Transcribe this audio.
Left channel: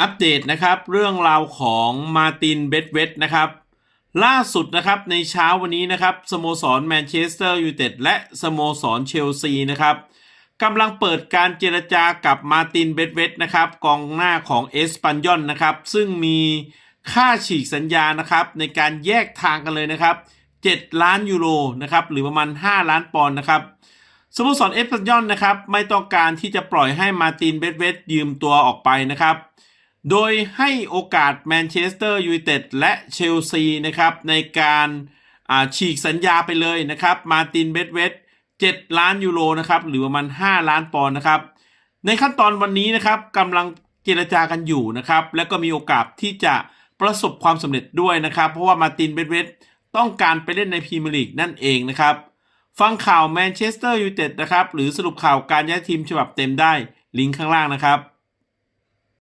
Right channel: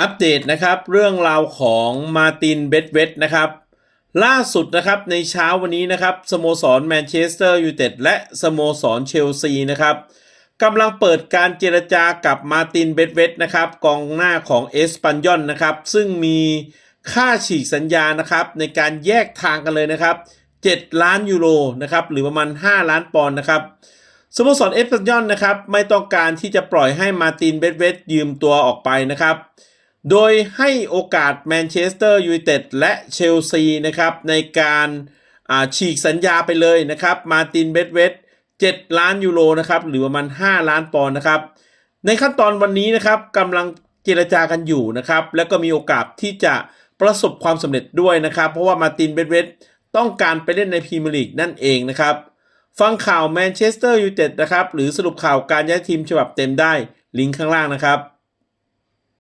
อัปเดตนะครับเรื่องราวของมาตินเบดเวตนะครับ ล่าสุดนะครับในเช้าวันนี้นะครับสโมสรแมนเชสเตอร์ยูไนเต็ดและสโมสรเชลซีนะครับกำลังเปิดการเจรจากับมาตินเบดเวตนะครับกองหน้าของเอสปันยอนนะครับ ซึ่งมีค่าฉีกสัญญานะครับ ในการแยกทางกันเลยนะครับ 7 ล้านยูโรนะครับหรือประมาณ 5 ล้านปอนด์นะครับสโมสรเอฟเวอร์ตันนะครับไม่ต้องการที่จะปล่อยให้มาตินเบดเวตยืมตัวออกไปนะครับ โดยให้โอกาสแมนเชสเตอร์ยูไนเต็ดและเชลซีนะครับในการฉีกสัญญาไปเลยนะครับ มาตินเบดเวต7ล้านยูโรนะครับหรือประมาณ 5 ล้านปอนด์นะครับ ในขั้นตอนวันนี้นะครับกำลังเจรจากันอยู่นะครับ และก็มีโอกาสที่จะประสบความสำเร็จด้วยนะครับ เพราะว่ามาตินเบดเวตต้องการไปเล่นในพรีเมียร์ลีกนั่นเองนะครับ ฟังข่าวแมนเชสเตอร์ยูไนเต็ดนะครับ หรือสรุปข่าวการย้ายทีมฉบับเต็มได้ลิงก์ข้างล่างนะครับ